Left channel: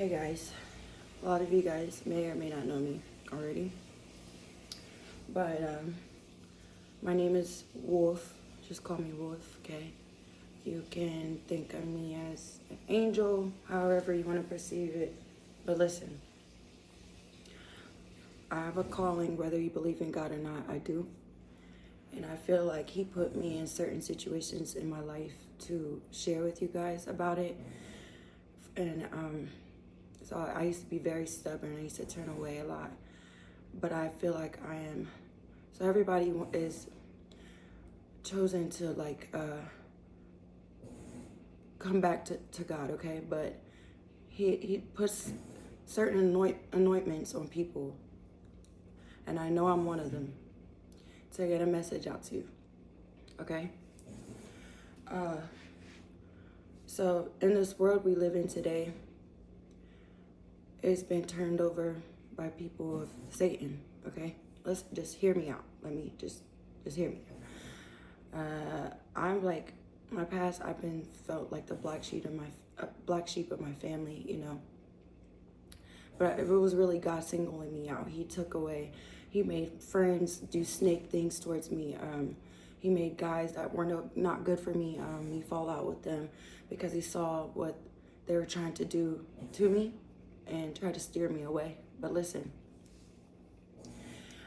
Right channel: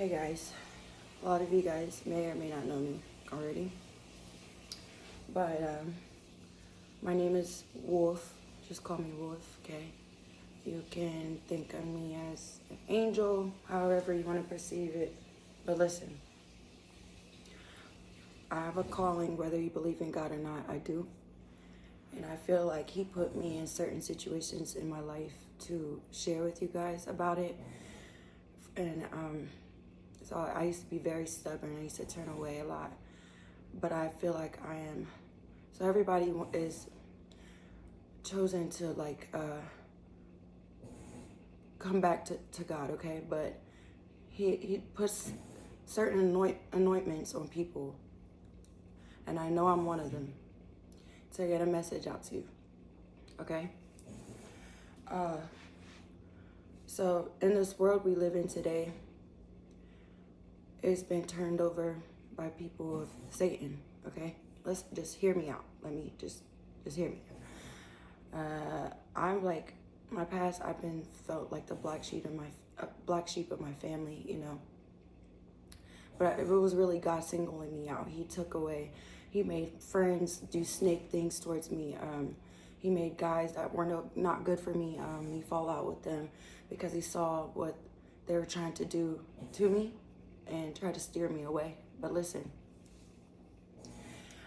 Hey guys, a lot of you guys may or may not know me already, but my name is Wolf. Just call me Wolf, okay? You can think of me as an angel, however you want to perceive it. But listen, I have a calling, whether you believe in God or not, I do. And I feel like He put me in certain situations in my life to share with you guys about it. And so I used to be very stubborn. I used to turn away a lot. But I feel like I am. So everybody is chosen to come back to God, okay? But he puts certain anointments on people. And I know I'm one of them. To get a message out to you, okay? So in this world we live in today, it's been turned over by people of Satan, okay? Let's just hear me out. Let me just hear me. I'm like, my past, I've been felt like the black sheep of my family, you know. But it was really God singling me out. He took away. He made friends do snake things towards me. He made guys that were not good for me. He fall out with them because he saw what they were trying to do to me and try to steer me away. But listen,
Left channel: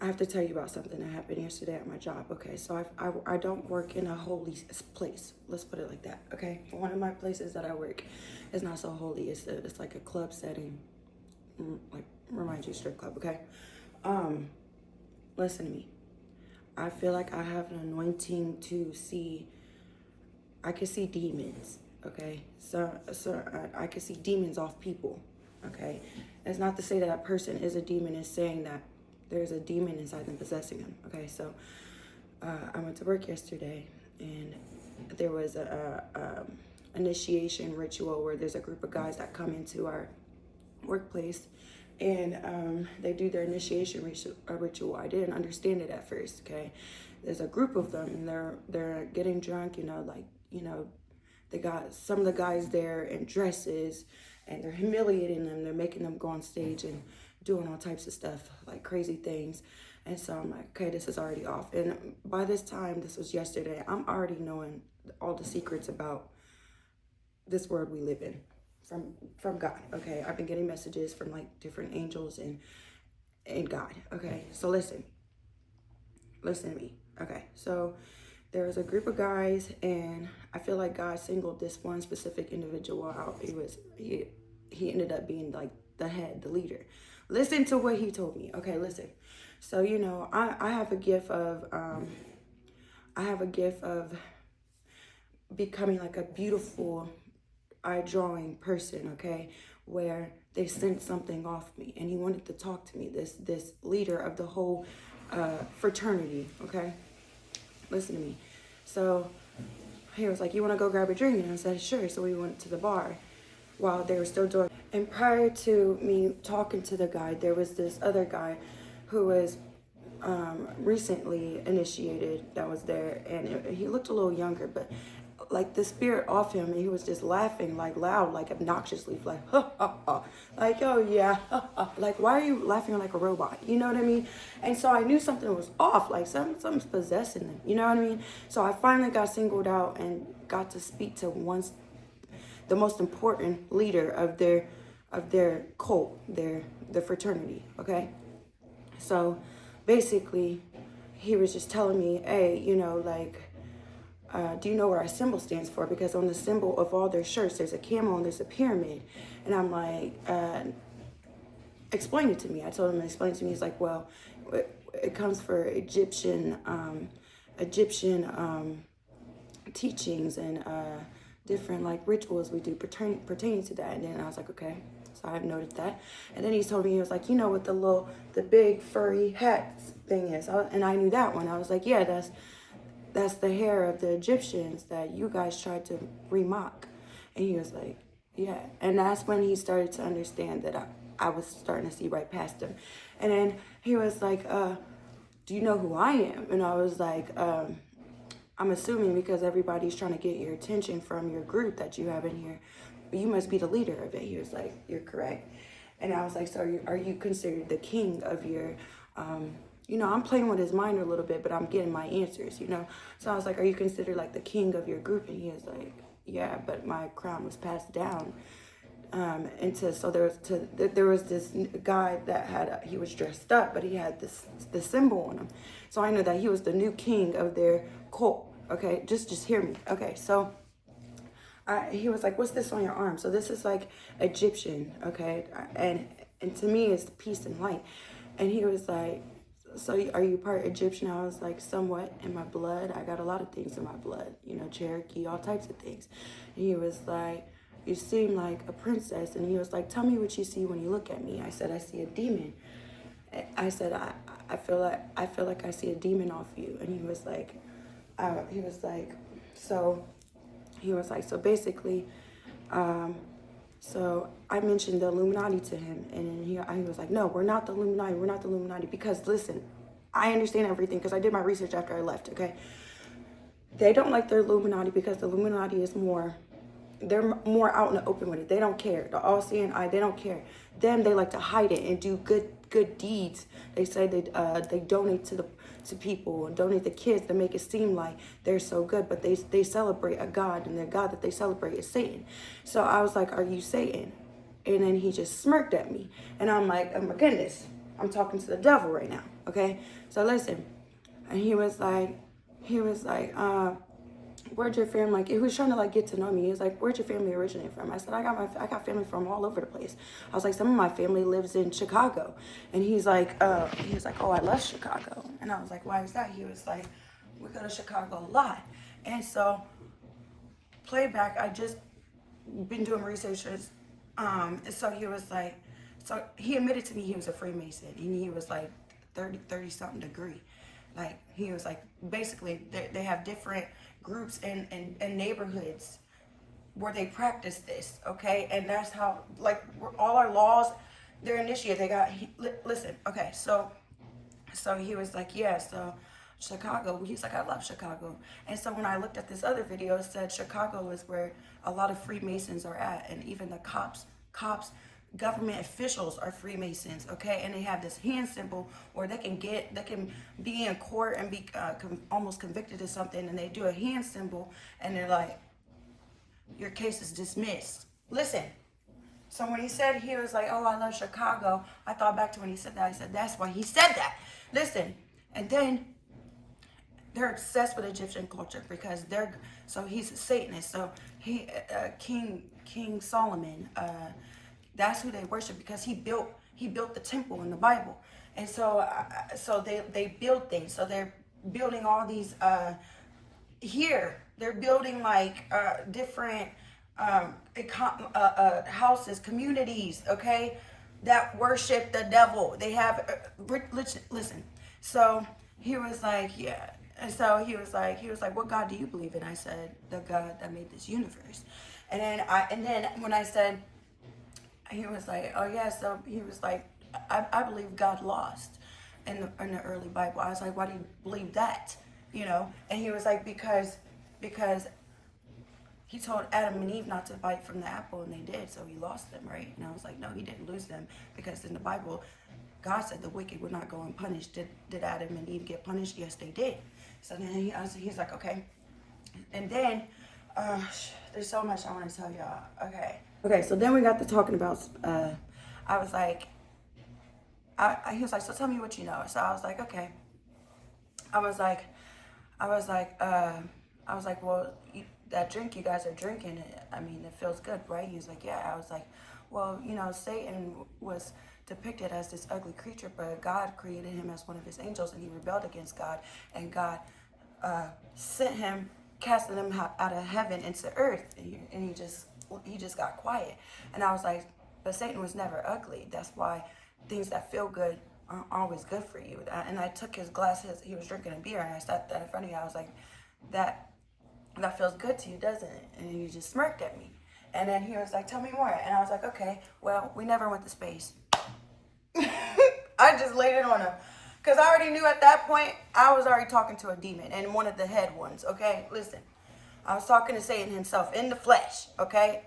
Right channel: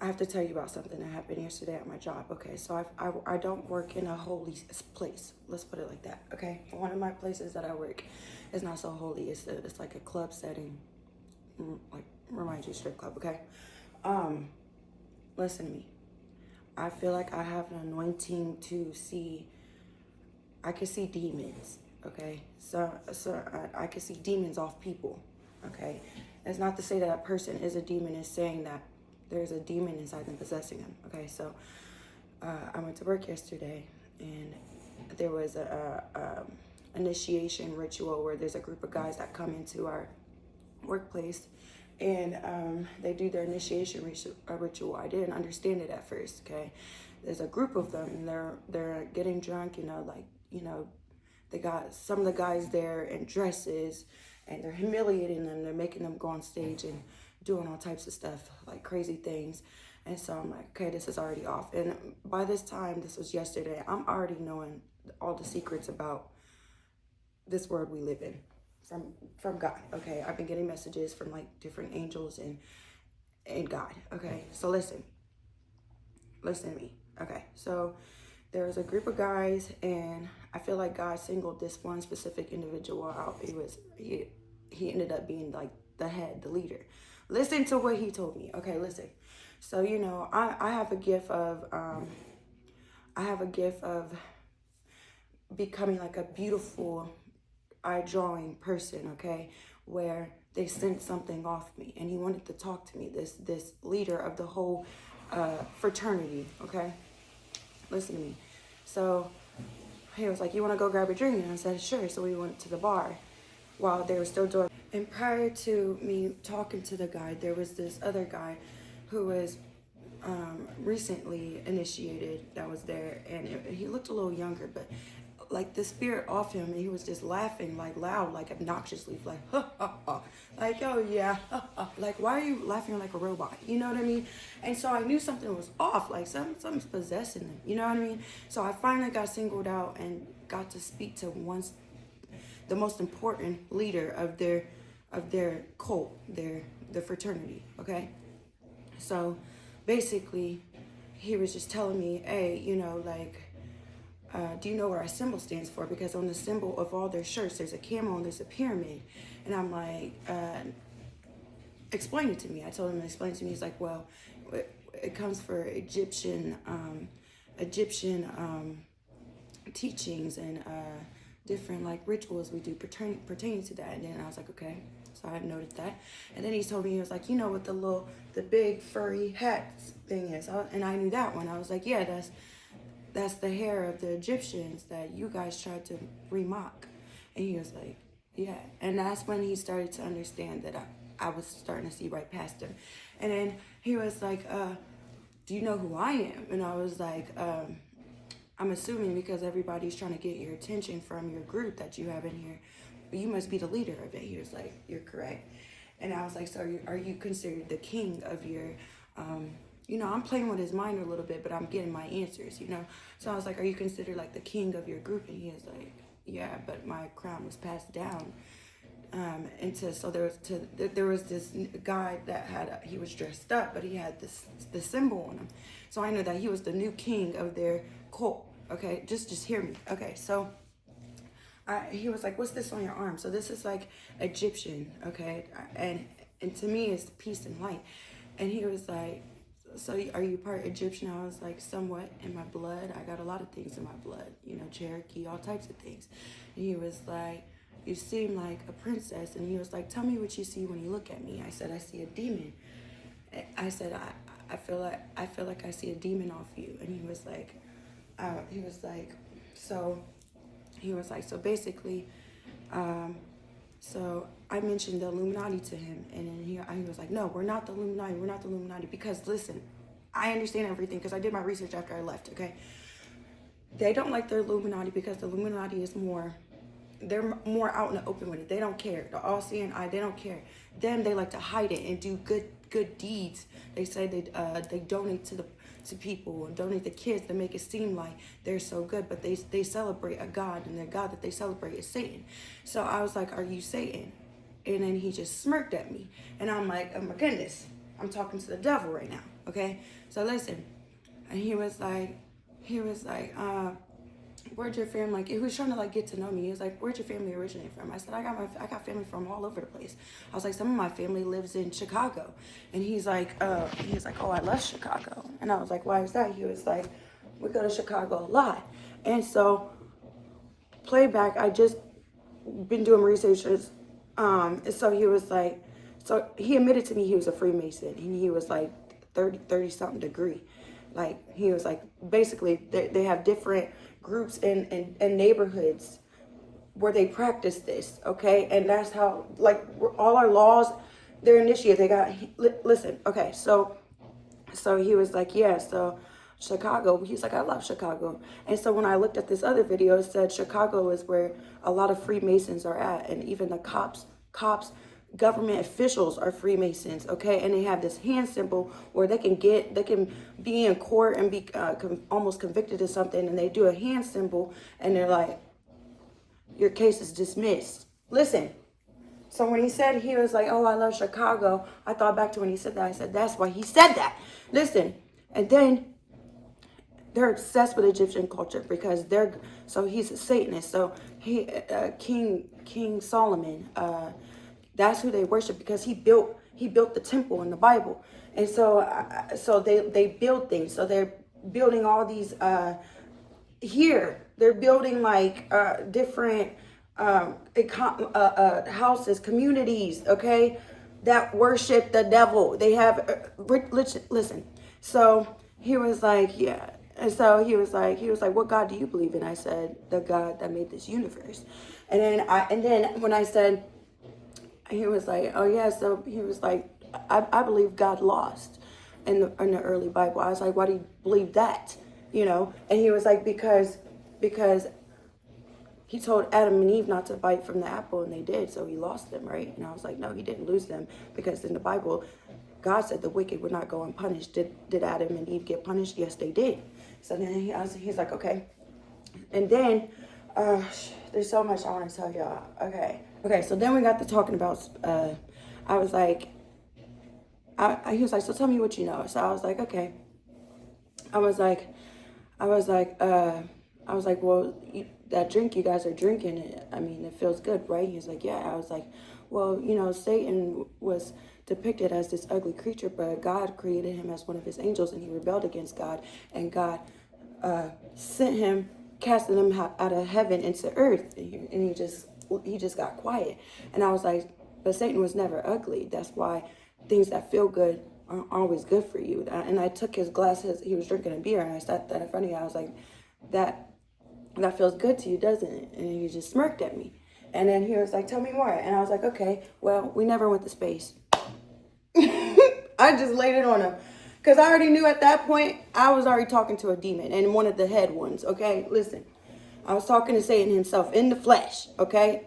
I have to tell you about something that happened yesterday at my job. Okay, so I don't work in a holy place. Let's put it like that. Okay, one of my places that I work is not so holy. It's like a club setting, like reminds you strip club. Okay, listen to me. I feel like I have an anointing to see. I can see demons. Okay, so I can see demons off people. Okay, it's not to say that that person is a demon. It's saying that there's a demon inside them possessing them. Okay, so I went to work yesterday, and there was a initiation ritual where there's a group of guys that come into our workplace, and they do their initiation ritual. I didn't understand it at first. Okay, there's a group of them, and they're getting drunk. They got some of the guys there in dresses, and they're humiliating them. They're making them go on stage and doing all types of stuff, like crazy things. And so I'm like, okay, this is already off. And by this time, this was yesterday, I'm already knowing all the secrets about this world we live in from God. Okay, I've been getting messages from like different angels and God. Okay, so listen to me. Okay, so there was a group of guys, and I feel like God singled this one specific individual out. He ended up being like the head, the leader. Listen to what he told me. Okay, listen. So I have a gift of becoming like a beautiful eye drawing person. Okay, where they sent something off me, and he wanted to talk to me. This leader of the whole fraternity. Okay. Listen to me. So he was like, you want to go grab a drink? And I said, sure. So we went to the bar while they were still doing. And prior to me talking to the guy, there was this other guy who was recently initiated that was there. And he looked a little younger, but like the spirit off him, and he was just laughing like loud, like obnoxiously, like ha ha ha, like oh yeah, ha, ha. Like why are you laughing like a robot? You know what I mean? And so I knew something was off, like something's possessing them. You know what I mean? So I finally got singled out and got to speak to the most important leader of their cult, the fraternity. Okay, so basically, he was just telling me, hey, do you know what our symbol stands for? Because on the symbol of all their shirts, there's a camel and there's a pyramid. And I'm like, explain it to me. I told him to explain it to me. He's like, well, it comes for Egyptian teachings and different like rituals we do pertaining to that. And then I was like, okay. So I've noted that. And then he told me, he was like, you know what the big furry hat thing is? And I knew that one. I was like, yeah, that's the hair of the Egyptians that you guys tried to remock. And he was like, yeah. And that's when he started to understand that I was starting to see right past him. And then he was like, do you know who I am? And I was like, I'm assuming because everybody's trying to get your attention from your group that you have in here, you must be the leader of it. He was like, you're correct. And I was like, so are you considered the king of your, I'm playing with his mind a little bit, but I'm getting my answers, So I was like, are you considered like the king of your group? And he was like, yeah, but my crown was passed down. So there was this guy that he was dressed up, but he had this symbol on him. So I know that he was the new king of their cult. Okay, just hear me. Okay, so he was like, what's this on your arm? So this is like Egyptian, okay? And to me, it's peace and light. And he was like, so are you part Egyptian? I was like, somewhat in my blood. I got a lot of things in my blood, Cherokee, all types of things. And he was like, you seem like a princess. And he was like, tell me what you see when you look at me. I said, I see a demon. I said, I feel like I see a demon off you. And he was like, so basically, so I mentioned the Illuminati to him, and then he was like, no, we're not the Illuminati, because listen, I understand everything because I did my research after I left, okay? They don't like the Illuminati because the Illuminati is they're more out in the open with it. They don't care. The all-seeing eye, they don't care. Them, they like to hide it and do good deeds. They say they donate to people and donate to kids to make it seem like they're so good, but they celebrate a God, and their God that they celebrate is Satan. So I was like, are you Satan? And then he just smirked at me. And I'm like, oh my goodness, I'm talking to the devil right now, okay? So listen. And he was like, where'd your family, like, he was trying to like get to know me. He was like, where'd your family originate from? I said, I got family from all over the place. I was like, some of my family lives in Chicago. And he's like, oh, I love Chicago. And I was like, why is that? He was like, we go to Chicago a lot. And so playback, I just been doing researches. And so he was like, so he admitted to me he was a Freemason, and he was like 30 something degree. Like, he was like, basically they have different groups in neighborhoods where they practice this, okay? And that's how, like, all our laws, they're initiated. They got, listen, okay, so he was like, yeah, so Chicago, he's like, I love Chicago. And so when I looked at this other video, it said Chicago is where a lot of Freemasons are at, and even the cops, government officials are Freemasons, okay? And they have this hand symbol where they can be in court and be almost convicted of something, and they do a hand symbol, and they're like, your case is dismissed. Listen. So when he said, he was like, oh, I love Chicago, I thought back to when he said that. I said, that's why he said that. Listen. And then they're obsessed with Egyptian culture because so he's a Satanist. So King Solomon, that's who they worship because he built the temple in the Bible. And so they build things. So they're building all these they're building like different houses, communities, okay, that worship the devil. They have listen. So he was like, yeah. And so he was like, what God do you believe in? I said, the God that made this universe. And then when I said, he was like, oh yeah, so he was like, I believe God lost in the early Bible. I was like, why do you believe that? And he was like, because he told Adam and Eve not to bite from the apple, and they did, so he lost them, right? And I was like, no, he didn't lose them, because in the Bible, God said the wicked would not go unpunished. Did Adam and Eve get punished? Yes, they did. So then he's like, okay. And then, there's so much I want to tell y'all. Okay, so then we got to talking about, I was like, he was like, so tell me what you know. So I was like, okay. I was like, well, that drink you guys are drinking, I mean, it feels good, right? He was like, yeah. I was like, well, Satan was depicted as this ugly creature, but God created him as one of his angels, and he rebelled against God, and God sent him, casted him out of heaven into earth, and he just got quiet. And I was like, but Satan was never ugly. That's why things that feel good aren't always good for you. And I took his glasses, he was drinking a beer, and I sat there in front of you. I was like, that feels good to you, doesn't it? And he just smirked at me. And then he was like, tell me more. And I was like, okay, well, we never went to space. I just laid it on him. Because I already knew at that point, I was already talking to a demon, and one of the head ones, okay? Listen. I was talking to Satan himself in the flesh, okay?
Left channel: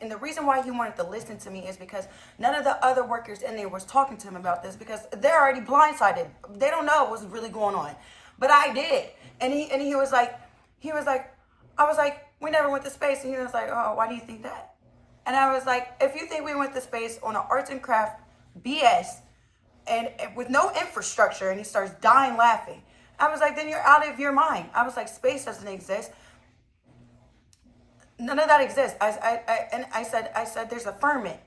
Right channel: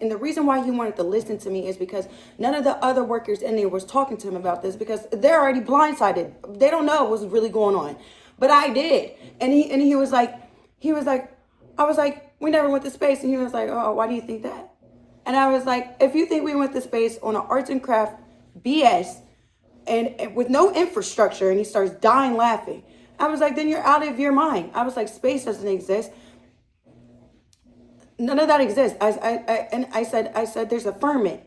And the reason why he wanted to listen to me is because none of the other workers in there was talking to him about this, because they're already blindsided. They don't know what's really going on. But I did. And he was like, I was like, we never went to space. And he was like, oh, why do you think that? And I was like, if you think we went to space on an arts and craft BS and with no infrastructure, and he starts dying laughing. I was like, then you're out of your mind. I was like, space doesn't exist. None of that exists. I said there's a firmament.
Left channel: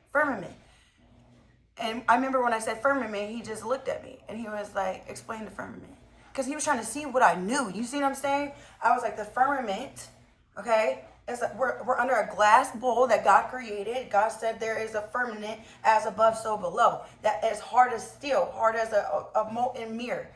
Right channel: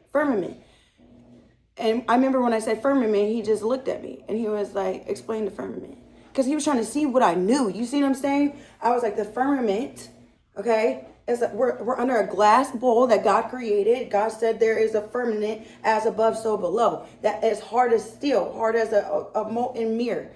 And I remember when I said firmament, he just looked at me and he was like, explain the firmament. Because he was trying to see what I knew. You see what I'm saying? I was like, the firmament, okay, is that we're under a glass bowl that God created. God said there is a firmament as above, so below. That is hard as steel, hard as a molten mirror,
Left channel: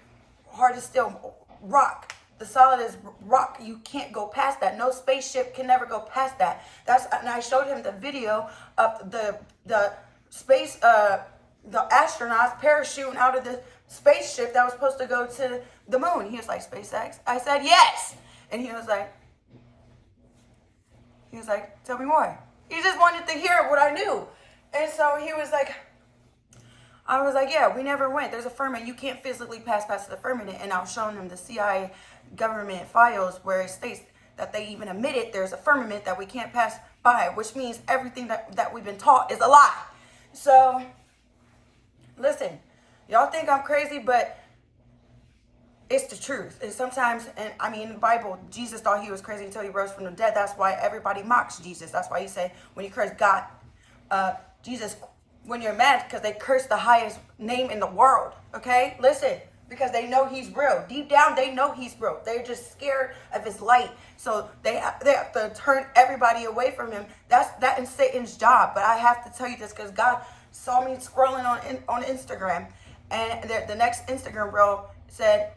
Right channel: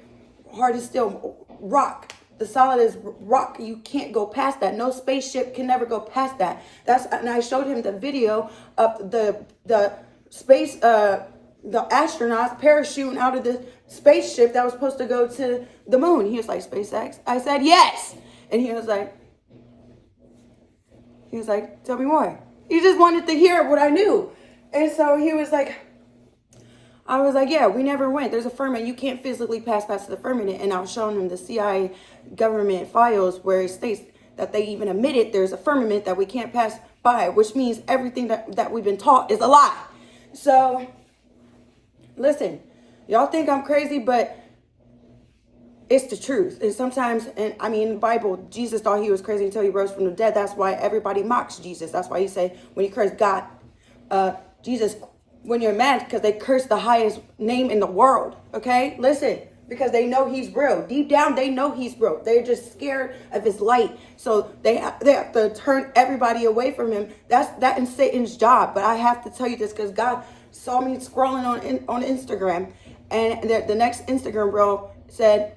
hard as steel, rock. The solid is rock. You can't go past that. No spaceship can never go past that. And I showed him the video of the space, the astronauts parachuting out of the spaceship that was supposed to go to the moon. He was like, SpaceX? I said, yes. And he was like, tell me more. He just wanted to hear what I knew. And so he was like, I was like, yeah, we never went. There's a firmament. You can't physically pass past the firmament. And I was showing him the CIA government files where it states that they even admitted there's a firmament that we can't pass by, which means everything that we've been taught is a lie. So, listen, y'all think I'm crazy, but it's the truth. And sometimes, and I mean, in the Bible, Jesus thought he was crazy until he rose from the dead. That's why everybody mocks Jesus. That's why you say, when you curse God, Jesus, when you're mad, because they curse the highest name in the world, okay? Listen, because they know he's real. Deep down, they know he's real. They're just scared of his light. So they have to turn everybody away from him. That is Satan's job. But I have to tell you this because God saw me scrolling on Instagram. And the next Instagram reel said,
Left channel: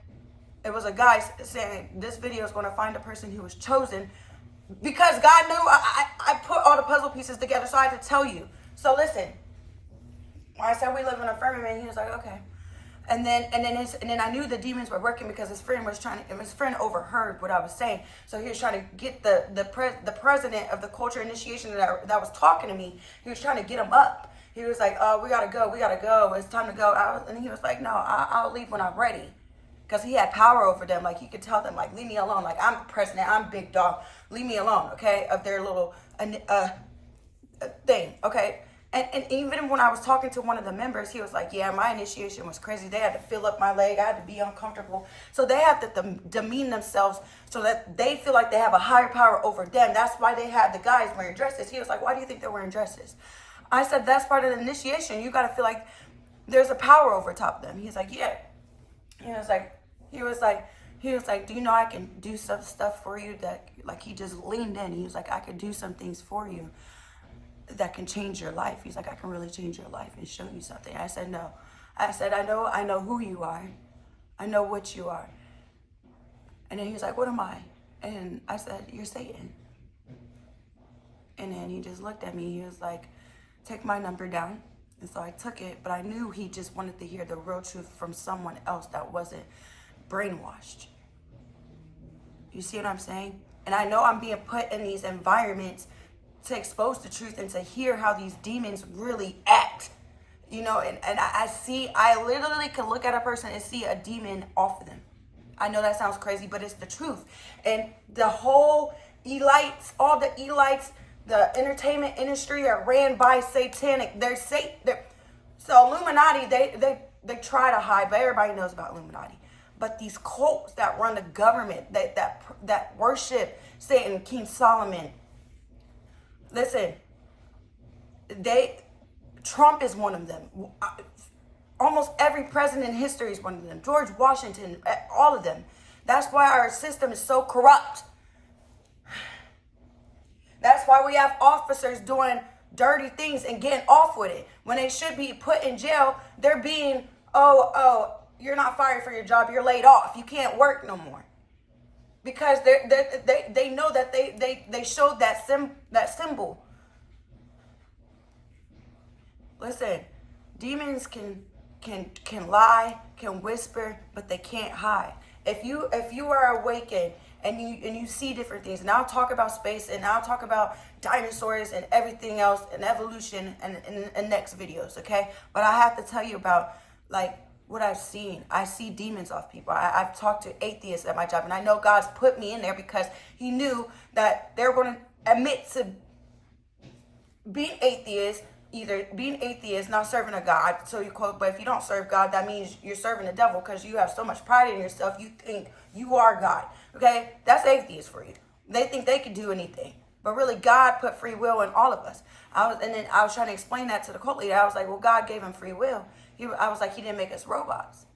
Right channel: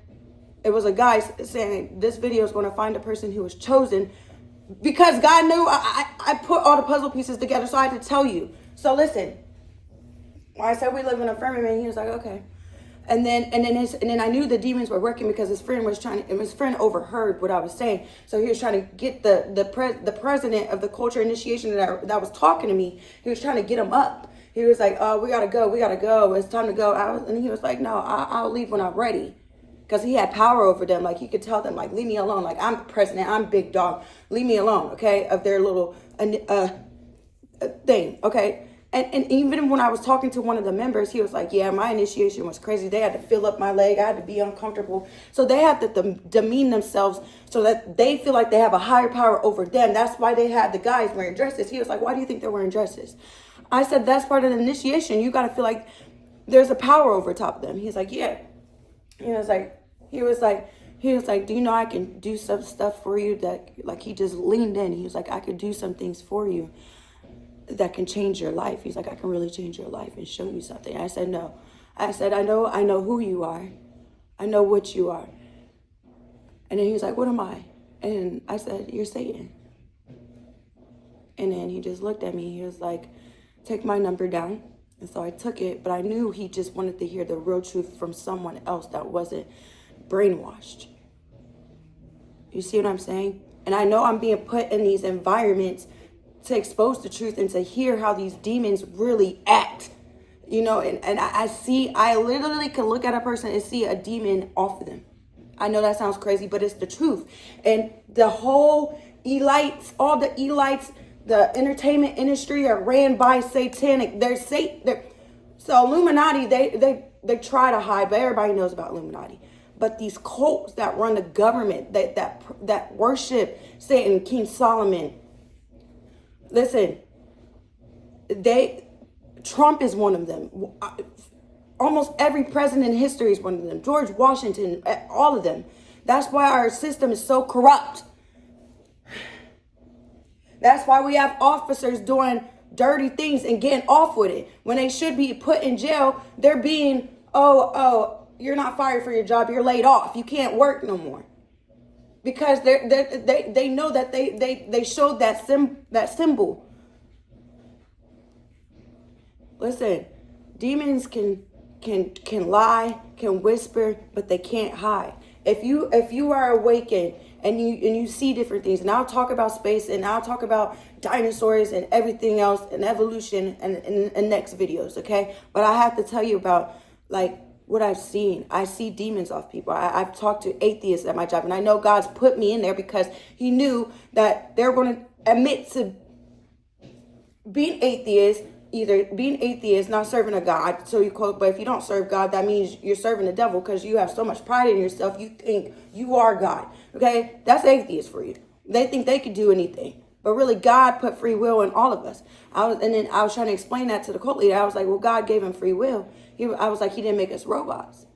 it was a guy saying, this video is going to find a person who was chosen. Because God knew I put all the puzzle pieces together, so I had to tell you. So listen. When I said we live in a firmament, he was like, okay. And then I knew the demons were working because his friend overheard what I was saying. So he was trying to get the president of the culture initiation that was talking to me. He was trying to get him up. He was like, oh, we gotta go. It's time to go. And he was like, no, I'll leave when I'm ready. Because he had power over them. Like, he could tell them, like, leave me alone. Like, I'm the president. I'm big dog. Leave me alone, okay? Of their little thing, okay? And even when I was talking to one of the members, he was like, yeah, my initiation was crazy. They had to fill up my leg. I had to be uncomfortable. So they have to demean themselves so that they feel like they have a higher power over them. That's why they have the guys wearing dresses. He was like, why do you think they're wearing dresses? I said, that's part of the initiation. You got to feel like there's a power over top of them. He's like, yeah. He was like, do you know I can do some stuff for you that, like, he just leaned in. He was like, I could do some things for you that can change your life. He's like, I can really change your life and show you something. I said, no. I said, I know who you are. I know what you are. And then he was like, what am I? And I said, you're Satan. And then he just looked at me. He was like, take my number down. And so I took it, but I knew he just wanted to hear the real truth from someone else that wasn't brainwashed. You see what I'm saying? And I know I'm being put in these environments to expose the truth and to hear how these demons really act. You know, and I literally can look at a person and see a demon off of them. I know that sounds crazy, but it's the truth. And the whole elites, all the elites, the entertainment industry are ran by satanic. So Illuminati, they try to hide, but everybody knows about Illuminati. But these cults that run the government, that worship Satan, King Solomon, listen, Trump is one of them. Almost every president in history is one of them. George Washington, all of them. That's why our system is so corrupt. That's why we have officers doing dirty things and getting off with it. When they should be put in jail, they're being, oh, you're not fired for your job, you're laid off. You can't work no more. Because they know that they showed that symbol. Listen, demons can lie, can whisper, but they can't hide. If you are awakened and you see different things. And I'll talk about space, and I'll talk about dinosaurs and everything else and evolution and in next videos, okay? But I have to tell you about like what I've seen. I see demons off people. I've talked to atheists at my job, and I know God's put me in there because he knew that they're going to admit to being atheist, either being atheist, not serving a God. So you quote, but if you don't serve God, that means you're serving the devil because you have so much pride in yourself. You think you are God. Okay? That's atheist for you. They think they can do anything. But really, God put free will in all of us. And then I was trying to explain that to the cult leader. I was like, well, God gave him free will. I was like, he didn't make us robots.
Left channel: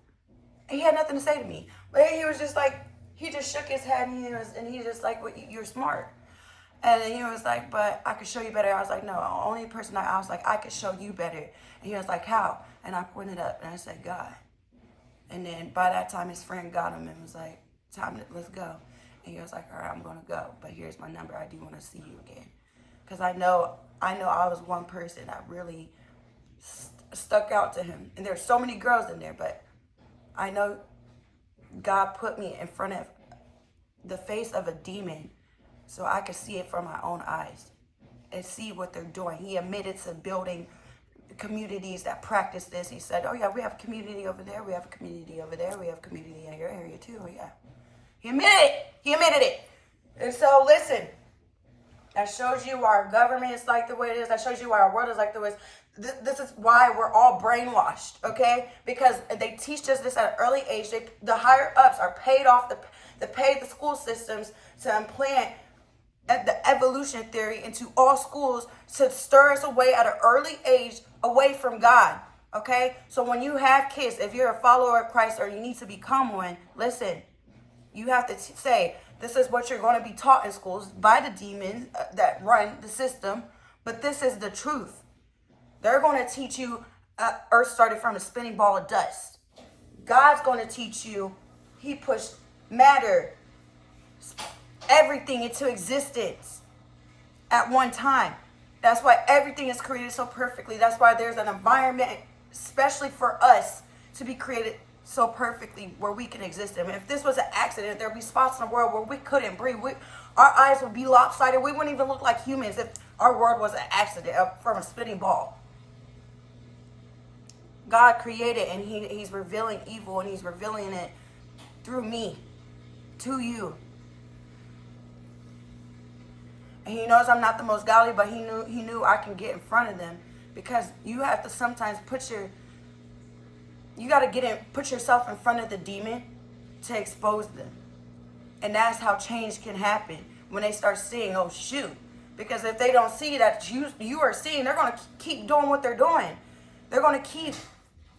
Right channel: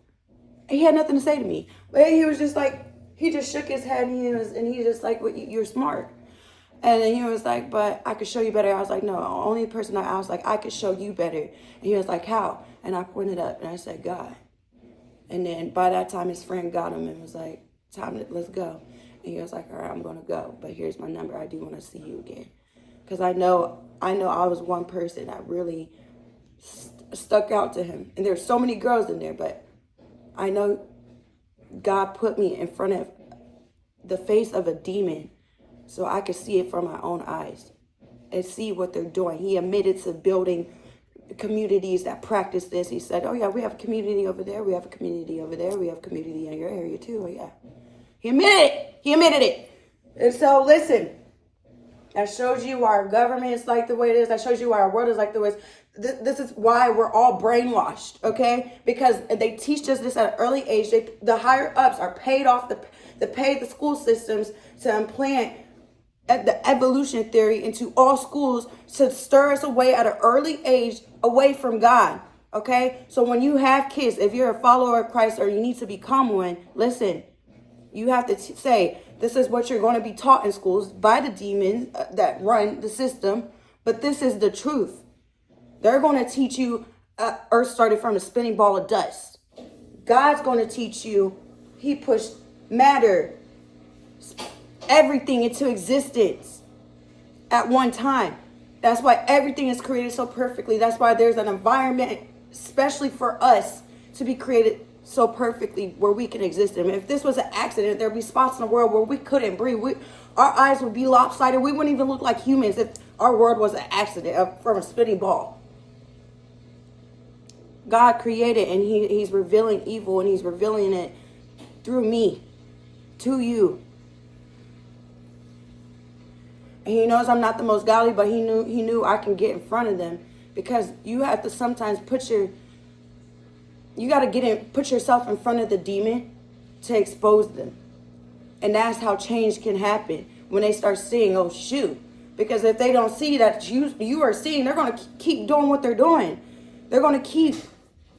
And he had nothing to say to me. But he was just like, he just shook his head and he just like, well, you're smart. And then he was like, but I could show you better. I was like, no, only person I was like, I could show you better. And he was like, how? And I pointed up and I said, God. And then by that time, his friend got him and was like, let's go. And he was like, all right, I'm going to go. But here's my number. I do want to see you again. Because I know I was one person that really stuck out to him. And there's so many girls in there, but I know God put me in front of the face of a demon so I could see it from my own eyes and see what they're doing. He admitted to building communities that practice this. He said, oh yeah, we have a community over there. We have a community over there. We have a community in your area too. Oh yeah. He admitted it. He admitted it. And so listen, that shows you why our government is like the way it is. That shows you why our world is like the way it is. This is why we're all brainwashed, okay? Because they teach us this at an early age. The higher ups are paid off to pay the school systems to implant the evolution theory into all schools to stir us away at an early age away from God, okay? So when you have kids, if you're a follower of Christ or you need to become one, listen, you have to say, this is what you're going to be taught in schools by the demons that run the system, but this is the truth. They're going to teach you Earth started from a spinning ball of dust. God's going to teach you he pushed matter, everything into existence at one time. That's why everything is created so perfectly. That's why there's an environment, especially for us, to be created so perfectly where we can exist in. If this was an accident, there'd be spots in the world where we couldn't breathe. Our eyes would be lopsided. We wouldn't even look like humans if our world was an accident from a spinning ball. God created, and he's revealing evil, and he's revealing it through me to you. And he knows I'm not the most godly, but he knew I can get in front of them, because you have to sometimes put yourself in front of the demon to expose them. And that's how change can happen, when they start seeing, oh shoot. Because if they don't see that you are seeing, they're going to keep doing what they're doing. They're going to keep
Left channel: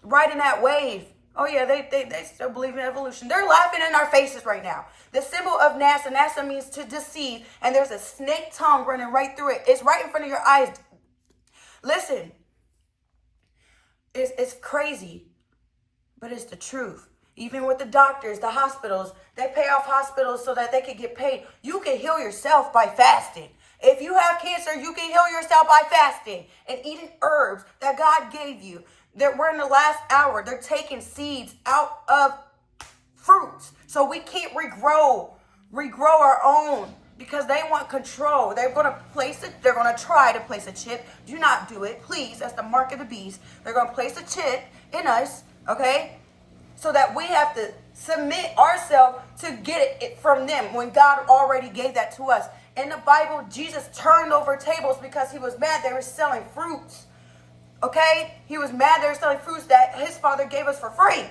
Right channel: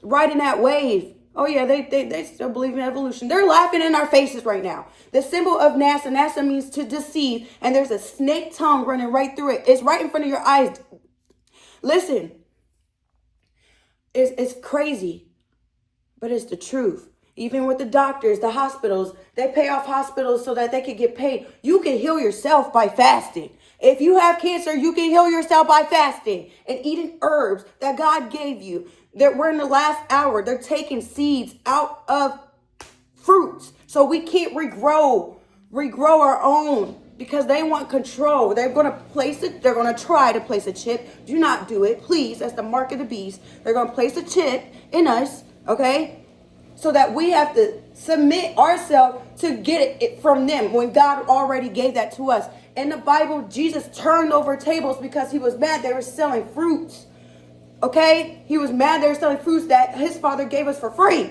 riding that wave. Oh yeah, they still believe in evolution. They're laughing in our faces right now. The symbol of NASA means to deceive, and there's a snake tongue running right through it. It's right in front of your eyes. Listen, it's crazy, but it's the truth. Even with the doctors, the hospitals, they pay off hospitals so that they can get paid. You can heal yourself by fasting. If you have cancer, you can heal yourself by fasting and eating herbs that God gave you. That we're in the last hour. They're taking seeds out of fruits, so we can't regrow our own, because they want control. They're going to they're going to try to place a chip. Do not do it, please. That's the mark of the beast. They're going to place a chip in us, okay? So that we have to submit ourselves to get it from them, when God already gave that to us. In the Bible, Jesus turned over tables because he was mad they were selling fruits. Okay? He was mad they were selling fruits that his father gave us for free.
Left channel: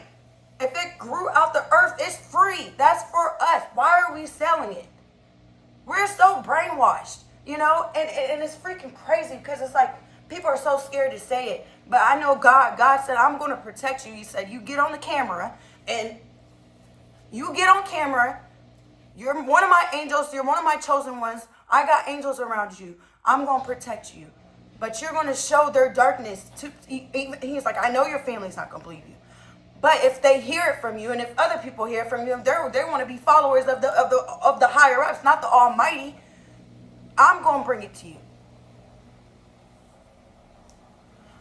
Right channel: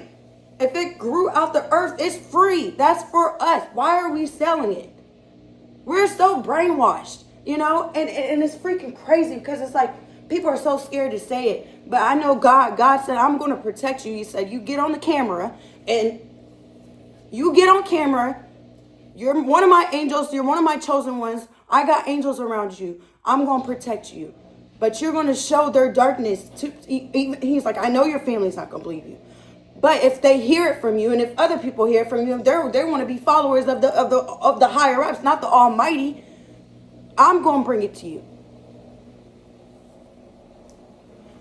If it grew out the earth, it's free. That's for us. Why are we selling it? We're so brainwashed, you know? And it's freaking crazy, because it's like people are so scared to say it. But I know God said, I'm going to protect you. He said, you get on the camera, and you get on camera. You're one of my angels. You're one of my chosen ones. I got angels around you. I'm going to protect you. But you're going to show their darkness. He's like, I know your family's not going to believe you. But if they hear it from you, and if other people hear it from you, they want to be followers of the higher ups, not the Almighty. I'm going to bring it to you.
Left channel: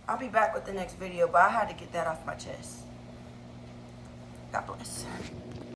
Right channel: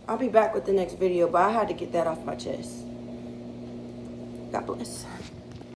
I'll be back with the next video, but I had to get that off my chest. God bless.